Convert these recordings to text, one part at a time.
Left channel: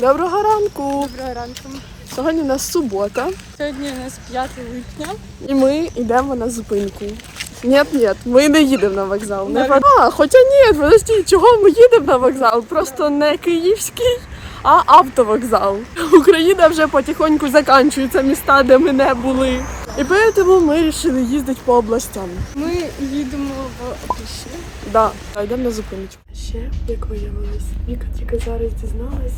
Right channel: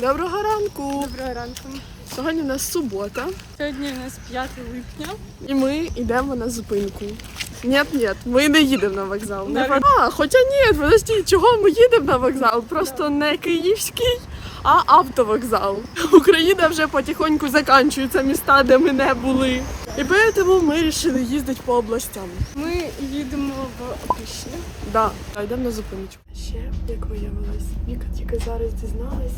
Доброго ранку! Доброго ранку. Сьогодні у нас субота, Сьогодні у нас 5 липня. і ми йдемо на зупинку. Ні, ні, ми не їдемо на вокзал. Не по- а, хоча ні, подожди, чого ми їдемо на вокзал? Просто не київський, а автовокзал. Україна вже потихоньку закінчується міста, де ми не були. І тому ми вирішили їздити по областям. Ми їдемо в Опішні. Да, а йдемо на зупиночку. Ще, як виявилось, Віка тільки зараз дізналась,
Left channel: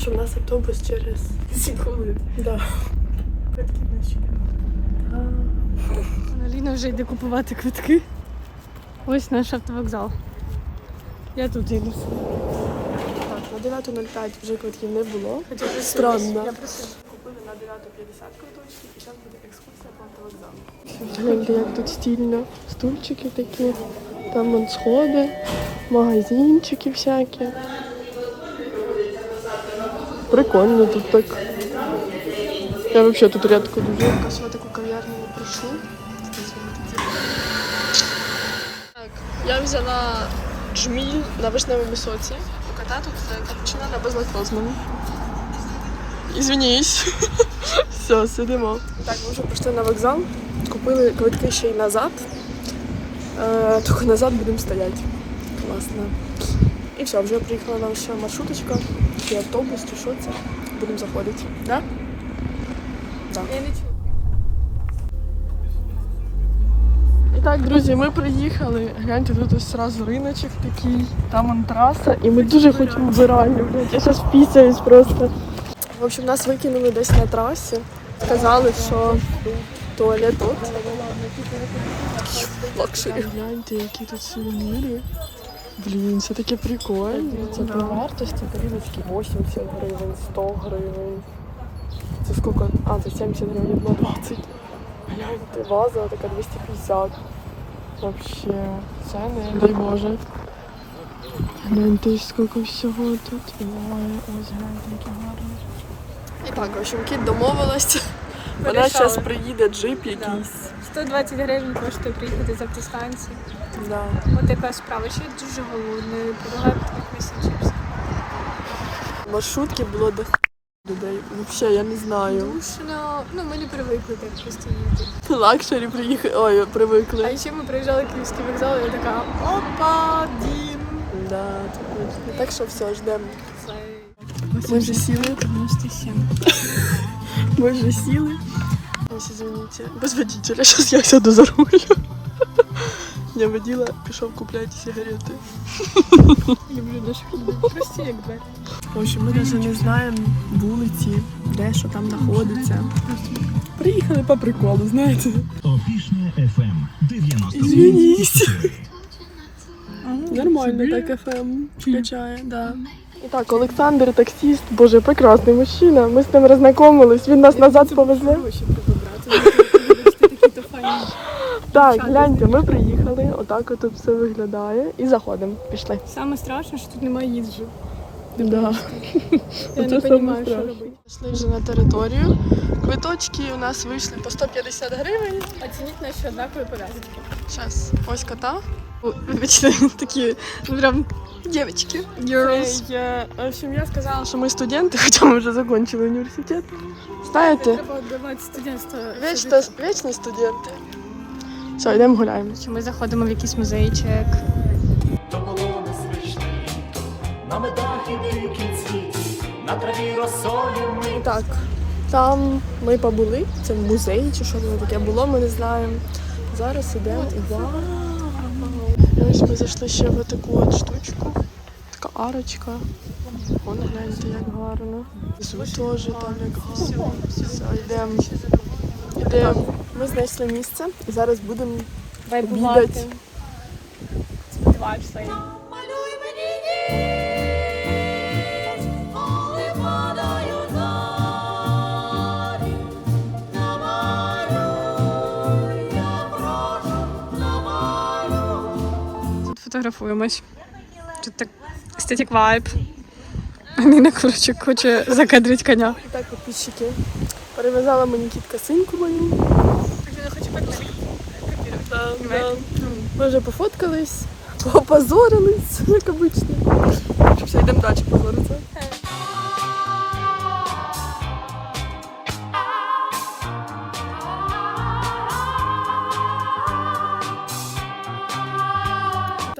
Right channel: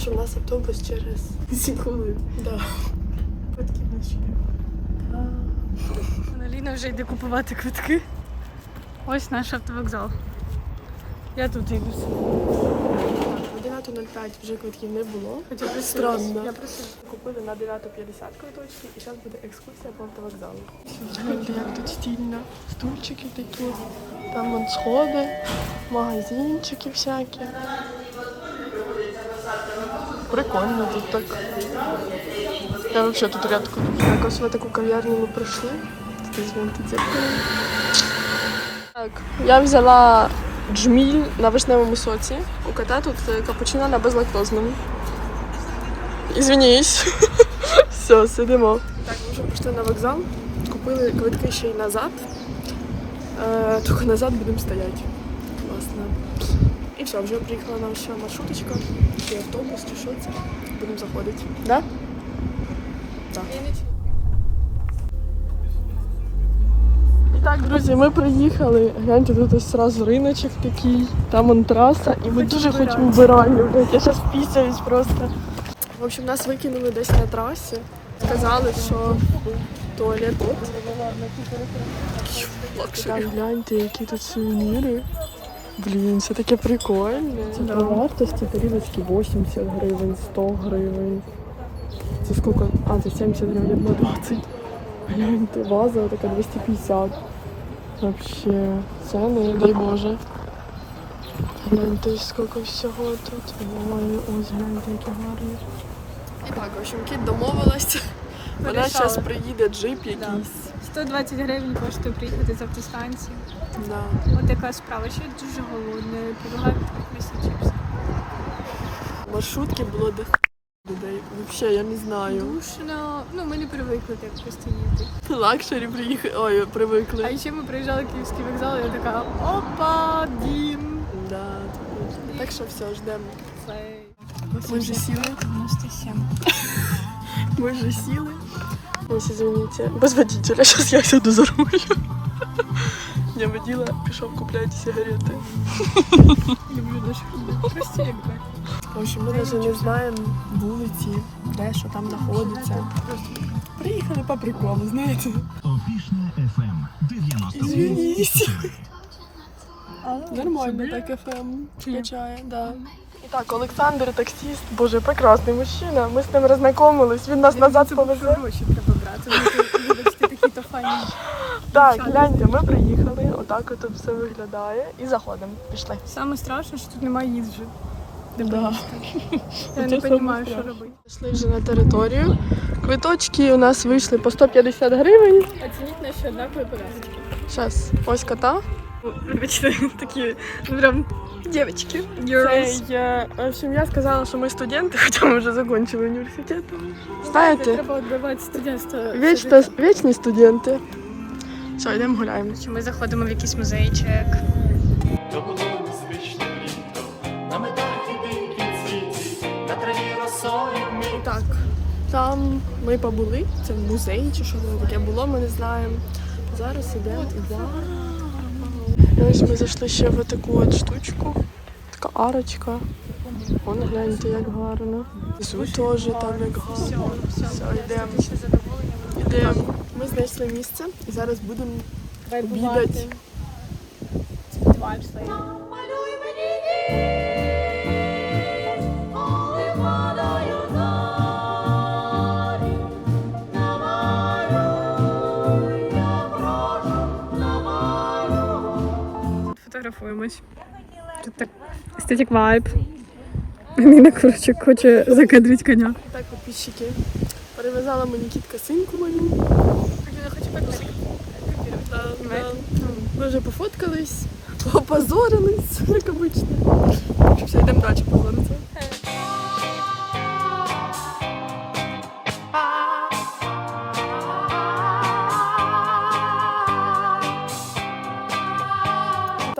що в нас автобус через 7 хвилин. Да. Квитки наші. Аналіна вже йде купувати квитки. Ось наш автовокзал. Я тут зараз. Так, на 9.05 вже квитків не було. Хоча. Странно. Я просила. Купили на 9.50 квиточки і зараз буде екскурсія по автовокзалу. Гляньте, як тут стильно. Стульчики такі, там сходи, магазинчики всякі. Прикольно тут так. Я взагалі тут рідко дуже. Так, ось в таку кав'ярню ми прийшли. Так, я взяла джміль на вишневому соці. У кота тут капучино на безлактозному. Извинись. Все, сидимо. Так, ми вже прийшли на вокзал, купили квитки ще й назад. Е, тільки назад будемо стояти. Класно. І все, вже приїхала наша маршруточка, чи автобус, чи що це. Будемо заходити. Да? Чую. І так, друзі, ми приїхали. Гляньте, тут ось сразу риночок такий, там он траса, і ми дуже хочемо вбиральню. Я щас впісяюсь просто. В общем, нас викинули десь на трасі. Сказали, що туалет тут. Лакшері. Гляньте, які тут сувеніри. Блін, це таке прикольне. Це по вартості тарілочки 80 гривень, 100 гривень. Це скільки? А, це 70 гривень, 20. Гляньте, ваза така 250. Вообще, ціни, дай Боже. Гляньте, скільки всього тут. І так, в общем, кіт домовилась. Вона зараз приїде джип якийсь. 120 гривень коштує приїхати з автостанції. Да. От така справа. Ще дуже голодна. Предлагаю якось чипси. Маршрутки було до людей. Взагалі, я не знаю. Душно. Ну, ми не привикли так просто їти. Лакшері приїхали. Ой, привикли. А ще ми приїжджали Київський вокзал, і я така опа, дім. Да, точно. Так що все, ждемо. Ми вже сіли. 97. Ми вже сіли. Ось, извините. Без водителя, зараз я сяду за руль. Я водила, пішов купляти сигарети. Люблю. В общем, ми навіть не знаємо вулиці, де що там знаходиться. Приїхали по приколу, знаєте. Опішня FM 90. Нормально так ФМ включає, да. І так, Олександр таксист, боже, прекрасний мужчина. Ми з ним роззнайомились, він нас назад повезли. Гроші треба брати. Вибачте, такі то файні. Так, гляньте, ми приїхали, отак от все виглядає. І заходимо. Пішли. Саме страшне, що тут немає їжі. Да. Я не розумію, що робити. Пішли вже на територію. Квиточки у нас вийшли по 150 гривень. Оцініть наші однакові пов'язки. Зараз ось кота. Вибачте, такі ну, прям дівчатки. Girls. Це я, в общем, я сказала, що ми студенти, хоча ми вже закінчили університет. Знаєте, Давайте студентство. вічно, вічні студенти. Що, йдемо гуляємо. Ми заходимо в якийсь музейчик. То було незвичне літо, на медах і дикій світі, на траві росою ми так, там ми побули, це в музеї чи що це таке було, ми не знаємо. Зараз ідемо. Вау! І ось ми зайшли ще в таку от штучку. Така арочка. Вон гляньте, як гарно. Зу теж там як гарно. Все, йдемо. Йдемо. Ми знайшли місце і зараз будемо обідати. малюй мені Фотографуємось. Тут так естетик вайб. Ніна коротше, хоче закадрити коня. І так, підписчики. Перев'язала мені кітка синку мою. Ми вже пофоткались, попозорились, як обично. Все, йдемо далі позоритися.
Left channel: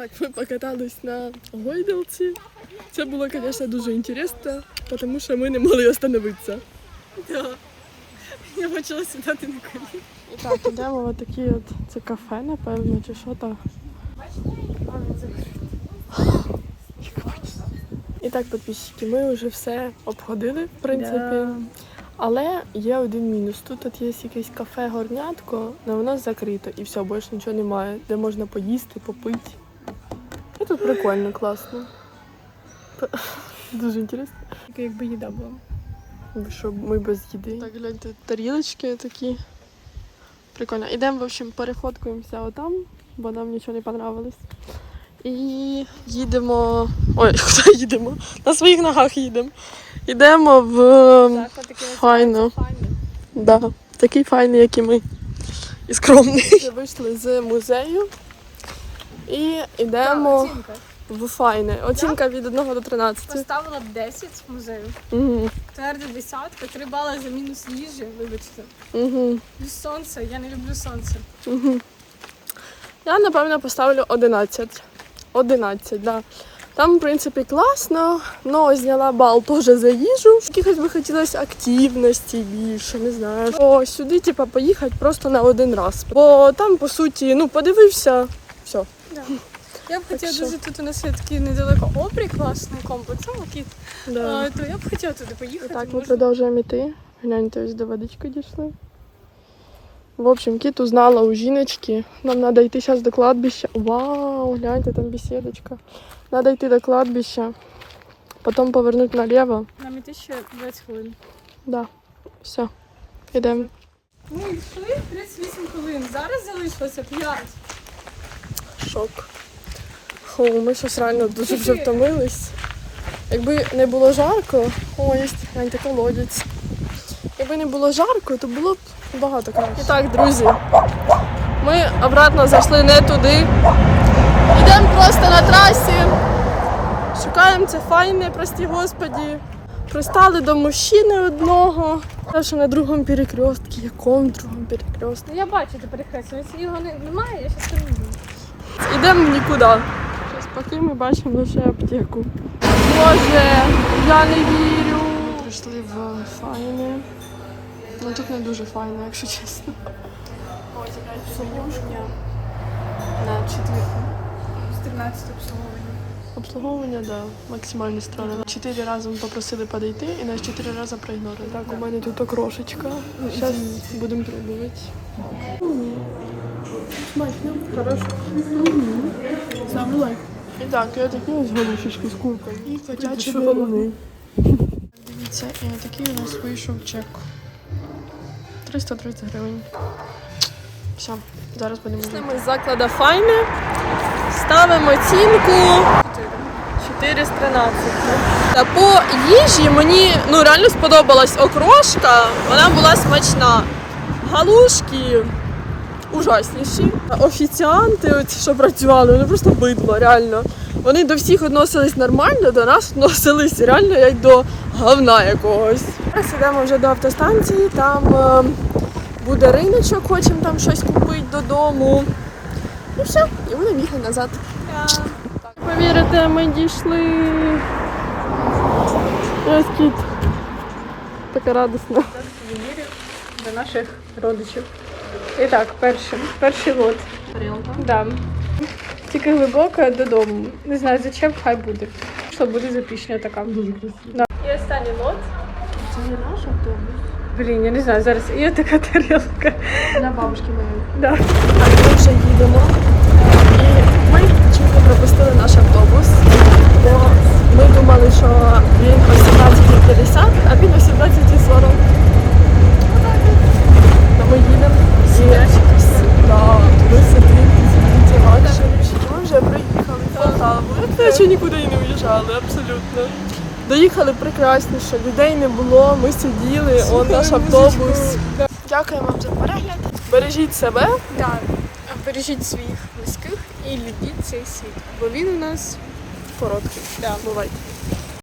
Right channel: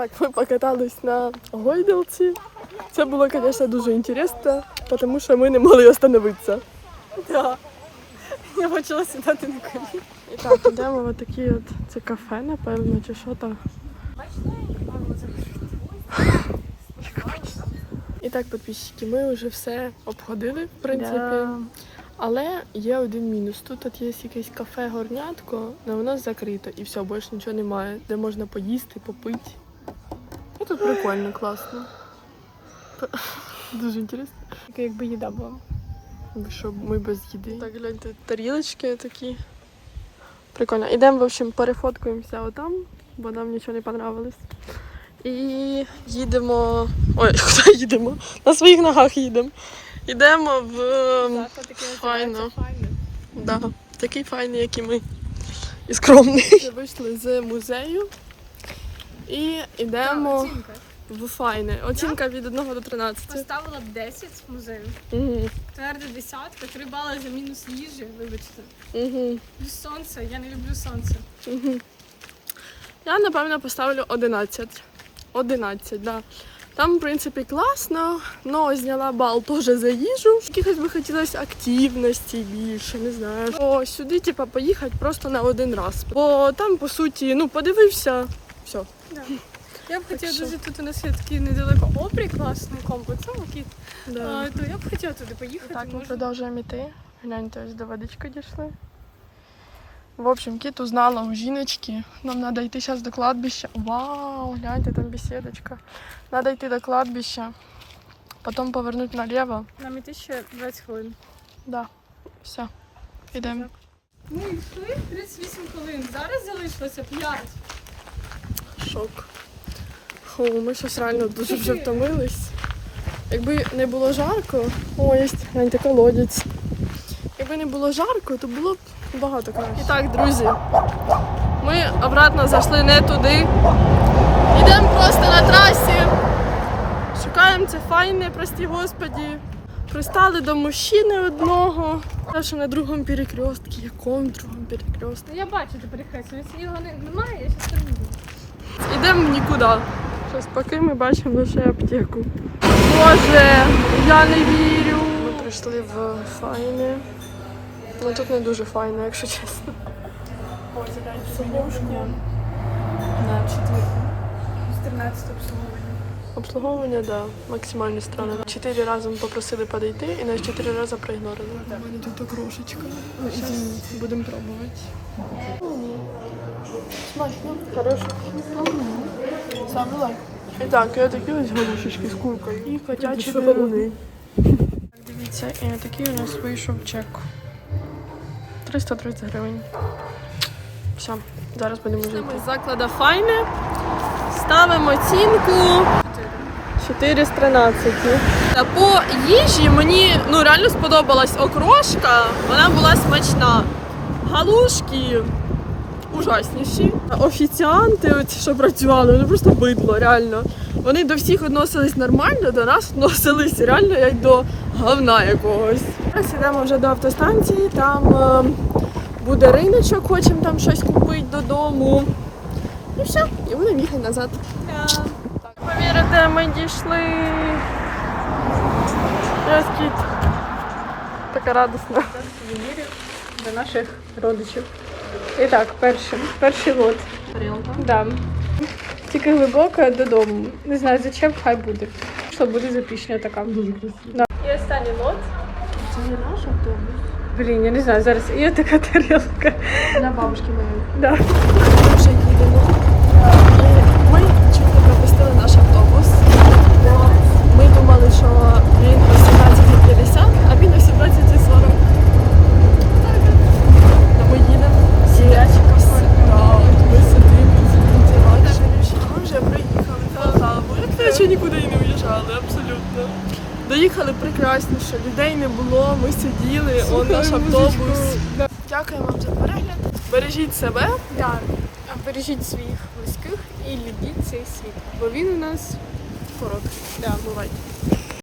Так, ми покатались на гойдалці. Це було, звісно, дуже інтересно, тому що ми не могли остановитися. Да. Я почала сідати на коліна. І так, йдемо в такі от це кафе, напевно, чи що там. І так, підписчики, ми вже все обходили, в принципі. Але є один мінус. Тут от є якесь кафе горнятко, але воно закрито і все, більше нічого немає, де можна поїсти, попити. Тут прикольно, класно. Дуже інтересно. Це якби їда була. Щоб ми без їди. Так, гляньте, тарілочки такі. Прикольно. Ідемо, в общем, перефоткуємося отам, бо нам нічого не понравилось. І їдемо. Ой, куди їдемо? На своїх ногах їдемо. Йдемо в файно. Да, такий файний, як і ми. І скромний. Вже вийшли з музею і йдемо в файне. Оцінка від 1 до 13. Поставила б 10 музею. Угу. Тверда десятка, 3 бали за мінус їжі, вибачте. Угу. Плюс сонце, я не люблю сонце. Угу. Я, напевно, поставлю 11. 11, да. Там, в принципі, класно, але зняла бал теж за їжу. Якихось би хотілося активності більше, не знаю. О, сюди, типа, поїхати просто на один раз. Бо там, по суті, ну, подивився, все. Я б хотіла що? дуже тут у нас є такий недалеко обрій класний комплекс, Кіт. Да. А, то я б хотіла туди поїхати. Так, ми продовжуємо йти. Гляньте, ось до водички дійшли. В общем, кіт узнала у жіночки. Нам треба йти зараз до кладбища. Вау, гляньте, там беседочка. Треба йти до кладбища. Потім повернути наліво. Нам іти ще 20 хвилин. Да. Все. Йдемо. Ми йшли 38 хвилин, зараз залишилося 5. Шок. Хо, ми щось реально дуже вже втомились. Якби не було жарко, о, є гляньте колодязь. Якби не було жарко, то було б багато краще. І так, друзі, ми обратно зайшли не туди. Йдемо просто на трасі. Шукаємо це файне, прості господі. Пристали до мужчини одного. Те, що на другому перекрестку. Якому другому перекрестку? Я бачу ти перехрестя, його немає, я там не буду. Ідемо в нікуди. Зараз поки ми бачимо лише аптеку. Боже, я не вірю. Ми прийшли в файне. Ну тут не дуже файно, якщо чесно. Ось така сумушка. На четвірку. 14 обслуговування. Обслуговування, да, максимально странно. Чотири рази ми попросили подійти і нас чотири рази проігнорили. Так, у мене тут окрошечка. Зараз будемо пробувати. Смачно, хорошо. Саме лайк. І так, я такі ось горішечки з куркою. І котячі деруни. Дивіться, і такий у нас вийшов чек. 330 гривень. Все, зараз будемо жити. Ми з закладу файне. Ставимо оцінку 4 з 13. Та по їжі мені ну, реально сподобалась окрошка, вона була смачна. Галушки ужасніші. Офіціанти, оці, що працювали, вони просто бидло, реально. Вони до всіх відносились нормально, до нас відносились реально як до говна якогось. Зараз йдемо вже до автостанції, там е, буде риночок, хочемо там щось купити додому. І все, і будемо їхати назад. Повірите, ми дійшли. Така радісна. До наших родичів. І так, перший, перший лот. Тарілка. Да. Тільки глибоко додому. Не знаю, зачем, хай буде. Що буде запішня така. Дуже. Да. І останній лот. Це не наш автобус. Блін, я не знаю, зараз і така тарілка. Для бабушки моєї. Да. Так, ми вже їдемо. І ми не пропустили наш автобус, бо ми думали, що він о 17.50, а він о 17.40. Отак. Та ми їдемо. І да, от ми вже приїхали в Полтаву. Як наче нікуди і не уїжджали, абсолютно. Доїхали прекрасніше, людей не було, ми сиділи, он наш автобус. Дякуємо вам за перегляд. Бережіть себе. Да. Бережіть своїх близьких і любіть цей світ, бо він у нас Короткий. Да, бувайте.